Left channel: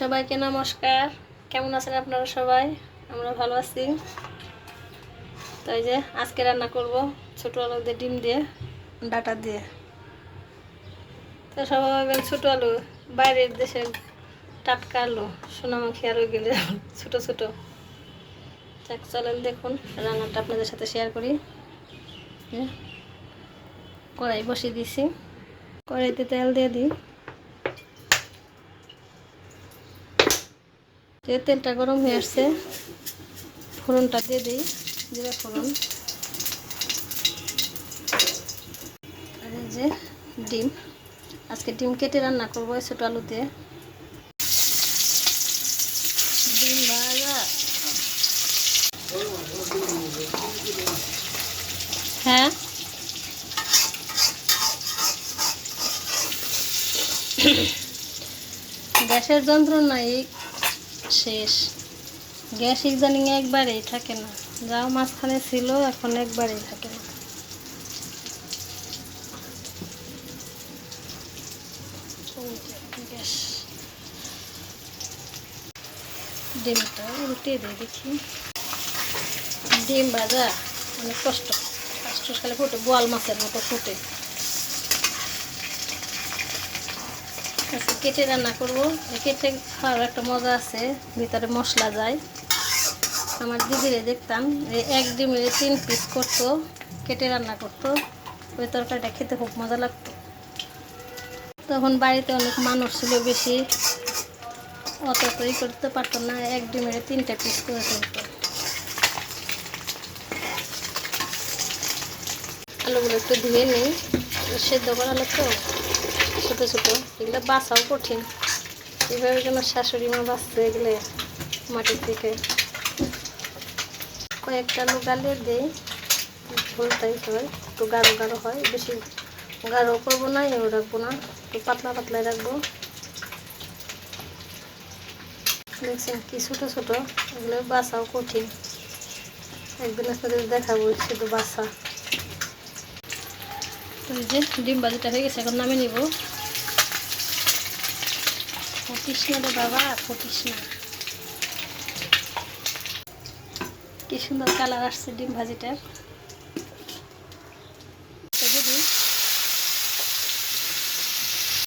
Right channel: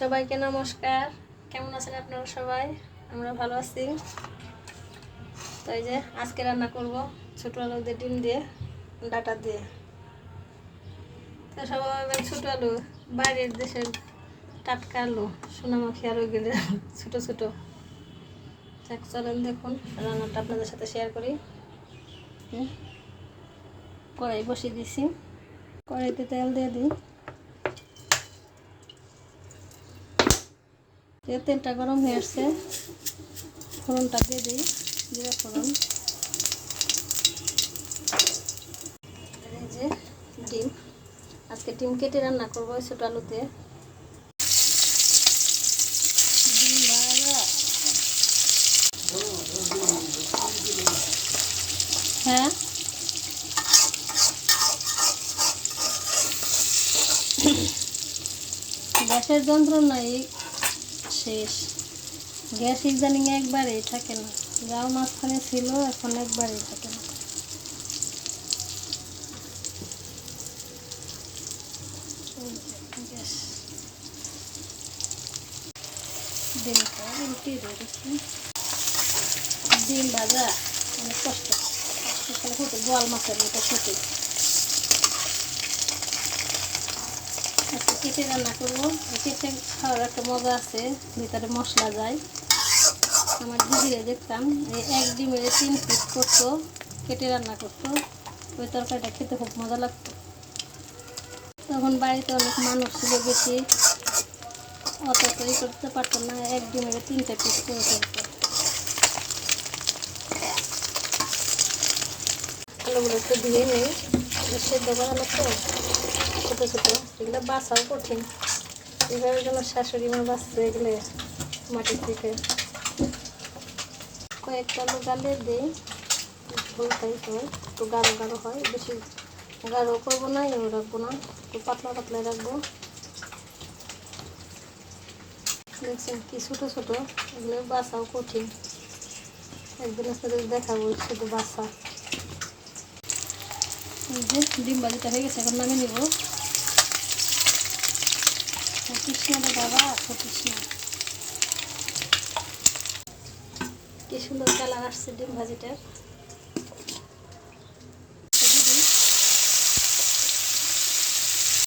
সবাইকে নমস্কার। কেমন আছেন আপনারা সবাই? আমরা ভালো আছি। তো এই যে আজকে রান্না করব ছোট আলু দিয়ে, ডিম দিয়ে, ডাটা দিয়ে। তো সবাই ভাবেন ছোট আলু বাইরের দেশের টাটকা আলু, সোনামুখী আলু গেলে ছোট ছোট। চলেন দেখুন রান্নাটা আপনাদের সাথে শেয়ার করি। কড়াই বসিয়ে দিছি, কড়াইতে তেল দিয়ে দিই। তেলটা গরম হয়ে আসছে, ফোড়নটা দিয়ে দিই, জিরা ফোড়ন। আর এই যে ডিম, আজকে ডিম কেটে রান্না করবো ছোট আলুতে। ডিম ভাজা, হ্যাঁ গ্যাসের যন্ত্রণাই শেষ। গ্যাস ইদানিং একবারেই থাকে না, যাও মাঝখানে ছিল এখন একবারেই থাকে না। গ্যাস, ডিমটা উল্টে দিয়ে দেখি। ডিম ভাজা অনেক কষ্ট, খালে ফুটে, বোয়াল মাছের মতো ফুটে। কেটে রান্না করবো, কেটে খাওয়ার একটা মজা আছে, ভিতরে মশলা যায়। আমার দিদিরে দেখতাম এক ডিমের 3 পিস করতো, কেটে রান্না করতো। ওই তরকারিটা খেতে খুব মজা লাগতো। তখন বাড়িতে অনেক মানুষ ছিল বেশি, অত তৈরি করতে পারতো না, এক ডিমের 3টা পিস করে ফেলতো। আলুগুলো একটু ধুয়ে নিই, সেদ্ধ করালো তো ছোটো ছোটো, এগুলো বাছাও কঠিন। এভাবে যেন শাশুড়ি মা বাঁচতে এগুলো মাটির থেকে। কয়েকটা আলু গালিয়ে দিই, ভুলটাই হয়, একটু গাঢ় গাঢ় হয়। বেশি গাঢ় করবো না, এও রাখবো না, একটু পাতলা পাতলাই রাখবো। দেখছেন কি ছোটো ছোটো, এগুলো বাছাও কঠিন। একদিন আপনাদের দেখাবো শুধু বাছা। এই যে ডিম ভাজিটা হয়ে গেছে, এখন নামিয়ে নিব। ফটিস না রে বাবা, ফটিস না। কি সুন্দর কালার আসছে ডিম ভাজিটার।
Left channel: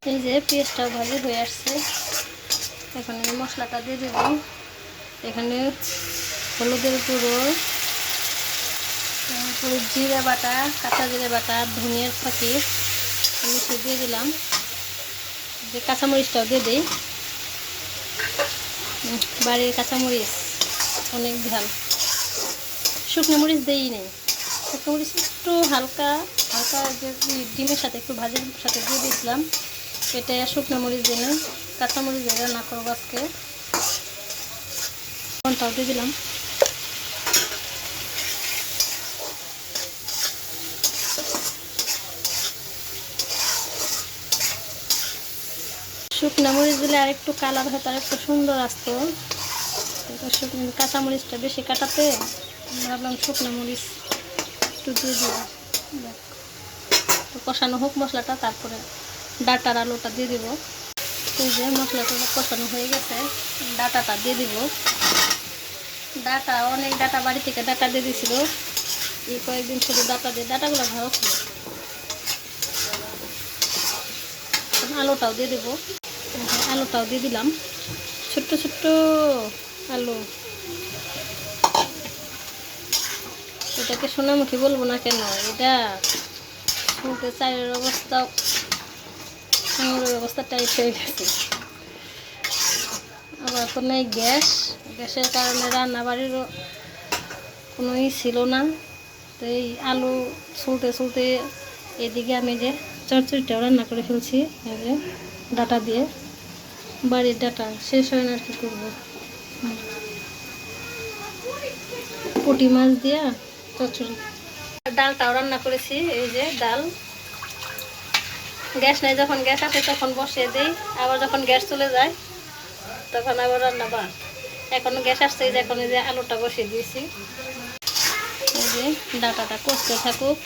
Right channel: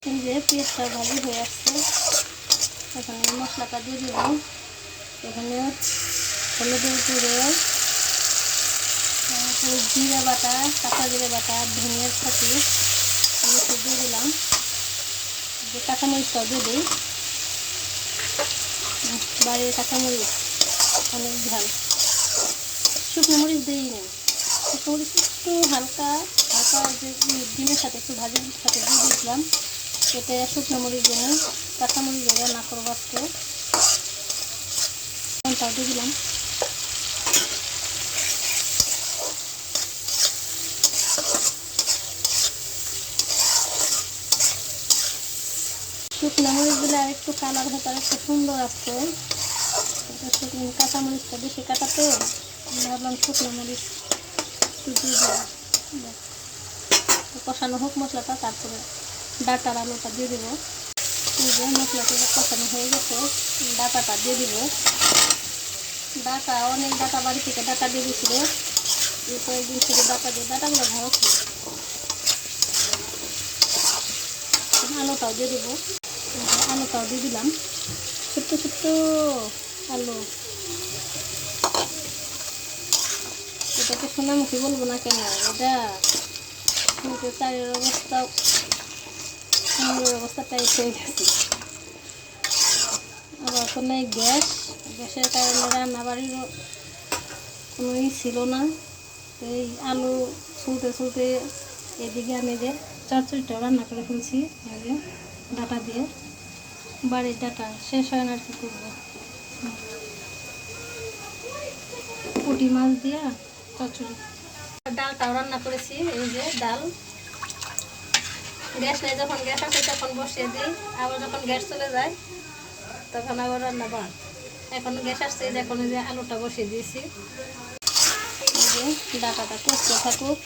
এই যে পেঁয়াজটাও ভাজি হয়ে আসছে, এখন এই মশলাটা দিয়ে দেব। এখানে হলুদের গুঁড়ো, তারপরে জিরে বাটা, কাঁচা জিরে বাটা, ধনিয়ার ফাঁকি মিশিয়ে দিয়ে দিলাম। যে কাঁচামরিচটাও দিয়ে দিই, বাড়ির কাঁচামরিচ অনেক ঝাল। শুকনো মরিচ দিই নেই, শুকনো মরিচ একটু হালকা হালকা যে ডিমের সাথে একটু ভাজির সাথে দিয়ে দিয়েছিলাম। এটা শুকনো মরিচ দিয়ে কাঁচামরিচ দিয়ে রান্না করবো আজকে। কোনটাও দিয়ে দিলাম। শুকনো মরিচ দিলে আর একটু কালার হয়তো আর একটু সুন্দর আসতো, শুকনো কাঁচামরিচটা বেশি কাটাতে ভাবলাম শুকনো মরিচ একটু দিয়ে দিলাম। কষানো হোক মশলাটা, তারপরে ডাটার আলুটা দিয়ে দিব। এই যে মশলাটা কষানো হয়ে গেছে, ডাটাটা দিয়ে দিব। ডাটা অনেক ডাটা বাড়ি থেকে ডাটা দিয়ে দিয়েছিল, এই কয়েকদিন শুধু ডাটা দিয়ে, ডাটাগুলো ভালো ছিল। আলুটাও দিয়ে দেবো, আলুটাও দিয়ে দিলাম, ছোট্ট ছোট্ট আলু। এটাকে সোনামুখী বলবো না কেন, এটা শুনতে চায়ের অবস্থা টাইট হয়ে গেছে। আবার তো নেই গ্যাস, গ্যাসের কারণে রান্না বাড়িরও কোনো ছিল না। তো এই আলু ছুলতে এদিকে আমি যে চচ্চড়িটাও রান্না করে ফেলছি, এই যে ডাটা দিয়ে। বাড়ির ডাটা শেষ হয় না, আর কি করবো। পুঁটি মাছ দিয়া চচ্চড়ি। ডালটাও রান্না করেছি, এই যে ডাল। গ্যাস নেই, যখন গ্যাস আসে তখন বসিয়ে দিই, আবার যখন গ্যাস চলে যায় তখন আবার রান্না বাদ। এখন গ্যাস আসছে, এই যে এখন এই যে আলুটা বসিয়ে দিয়েছি। এই যে ডাটাটা কষতে থাকুক।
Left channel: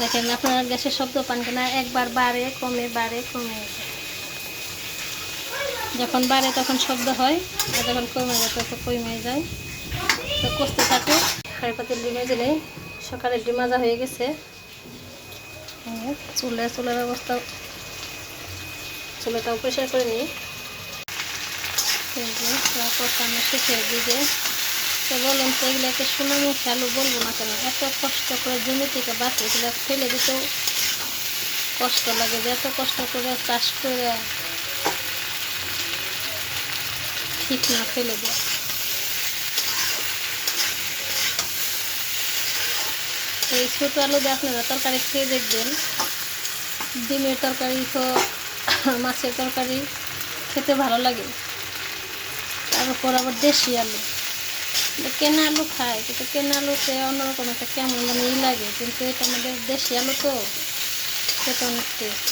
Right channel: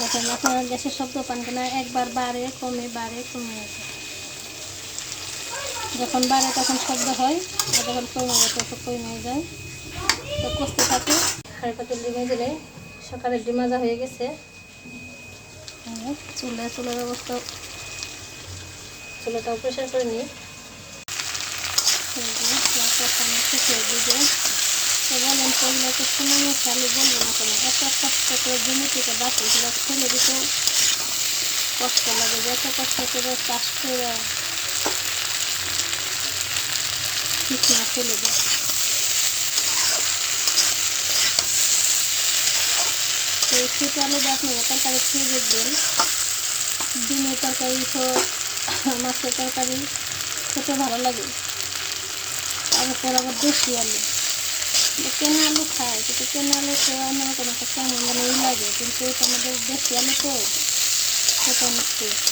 দেখেন আপনারা গ্যাসের শব্দ পান কিনা, একবার বাড়ে কমে বাড়ে কমে। যখন বাড়ে তখন শব্দ হয়, আর যখন কমে যায় তখন কমে যায়। তো কষতে থাকে। হাঁড়ি পাতিল ডিম ভেজে নেই। সকালে ডিম ভাজা হয়ে গেছে। চুলের অবস্থা, চুলাটাও পরিষ্কার করে নিই। কষানো শেষের দিকে। তো বলুন তো এগুলোকে সোনামুখী আলু বলবো না কেন? এত কষ্ট করে জমি থেকে বাঁচে, এগুলো ফেলে দিতেও কষ্ট লাগে। যে এত কষ্ট করে চাষ করে ঠিক না ফেলে দেয়। তো এই ছোটো আলু দিয়ে আপনারা তরকারি খেয়ে দেখবেন। ডিমের তরকারি হোক, মাছের তরকারি খেতে ভালো লাগে। তারপর আবার দেশি আলু, কেনা আলু খায়, কিন্তু কেনা আলুতে অন্যরকম একটা কেমন যেন লাগে, কিন্তু এটা আমাদের দেশি আলু তো খেতে অনেক টেস্ট।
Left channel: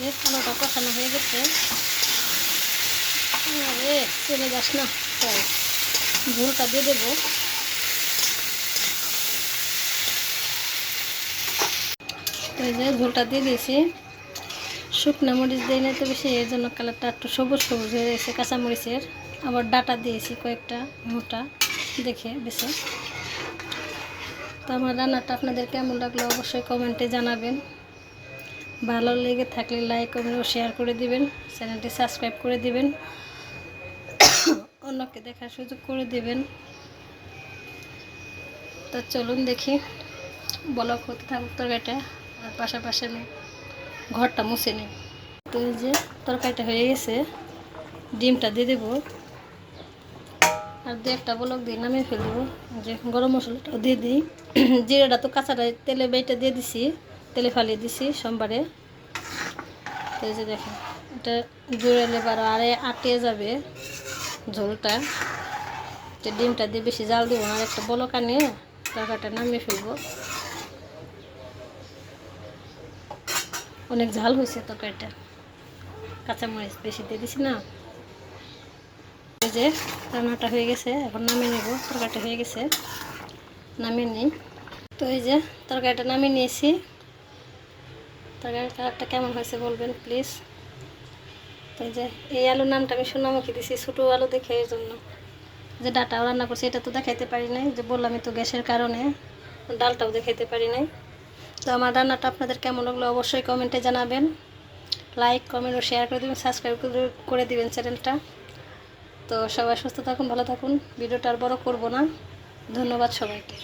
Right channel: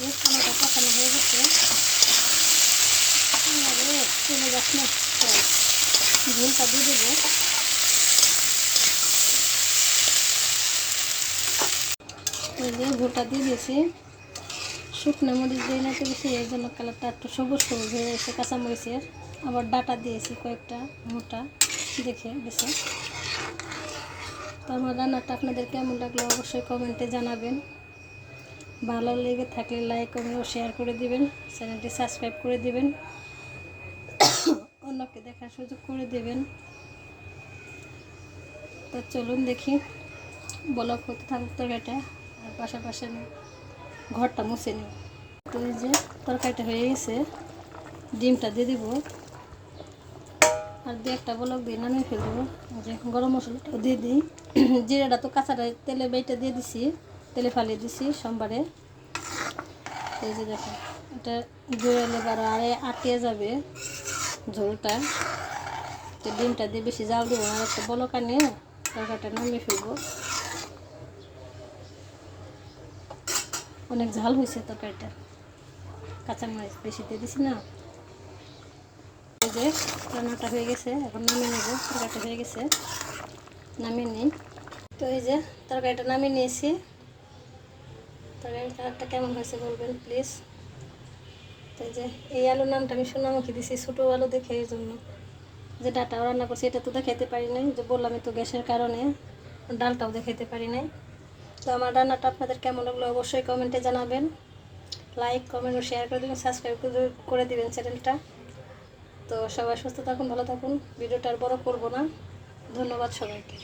যে আলুটা কষানো হয়ে গেছে। আরে চলে যাস না, ঝোলটা দিয়ে দেবো। ওই যে ঝোলটা দিয়ে দিয়েছি। শুকনো মরিচ দিই না তো বেশি, এর জন্য কালারটা একটু সবুজ সবুজ হয়ে গেছে কাঁচামরিচের। আবার ডাটা দিয়েছি কয়েকটা মোটা দেখে বেছে। তো আমার রান্নাটা আপনাদের কেমন লাগলো অবশ্যই কমেন্টে জানাবেন। ভালো লেগে থাকলে লাইক কমেন্ট ও শেয়ার করে দিবেন। চ্যানেলটি সাবস্ক্রাইব করে দিবেন, অন্যকে দেখার সুযোগ করে দিবেন। তো চলুন দেখি বলক হতে থাকুক তরকারিটা, আর পাশাপাশি আমি ঘরটা মুছে নিই। তো এই যে তরকারিটা হয়ে গেছে, ডিমটা দিয়ে দেবো, আর দু একটা বলক দিয়ে নামিয়ে ফেলে দেবো। যে গরম মশলাটাও দিয়ে দিই। জিরাটা তো কাঁচাটা তেলে বেটে দিয়ে দিছি, তেলে ফালিয়ে দিছি সোমবারে। তো এই যে দেখেন, এটা জোড়ালে বারো আরে আটিয়ে যাবে ঝোলটা। তো ডিমটা দিয়ে বেশি জাল দিব না, আর একটা বলকা নিয়ে তরকারিটা নামিয়ে ফেলবো। অনেক ঝাল হয়েছে তরকারিটা, কাঁচামরিচ বেশি দিয়ে দিছি না। এই যে রান্নাটা হয়ে গেছে, এখন নামিয়ে নেব। তরকারিটা হয়ে গেছে, নামিয়ে নিই। তো এই যে তরকারিটা নামিয়ে নিয়েছি। তরকারির কালারটা কেমন হয়েছে বলবেন প্লিজ। তো এই যে এই আলুর নামটা আমি সোনামুখী দিছি, ছোটো আলু দেখে, এই জন্য। যে ডাটাও রান্না করছি এটা তো দেখাইতে পারি নাই, যে বললামই তো গ্যাসের কারণে ডালটাও দেখাইতে পারি নাই। তো আমার রান্নাটা আপনাদের কেমন লাগলো অবশ্যই কমেন্টে জানাবেন। লাইক কমেন্ট ও শেয়ার করে দেবেন, সাবস্ক্রাইব করে দিবেন চ্যানেলটা। তো সবাই সুস্থ থাকুন, ভালো থাকুন। ভিডিওটা আর বড় করবো না। ধন্যবাদ সবাইকে।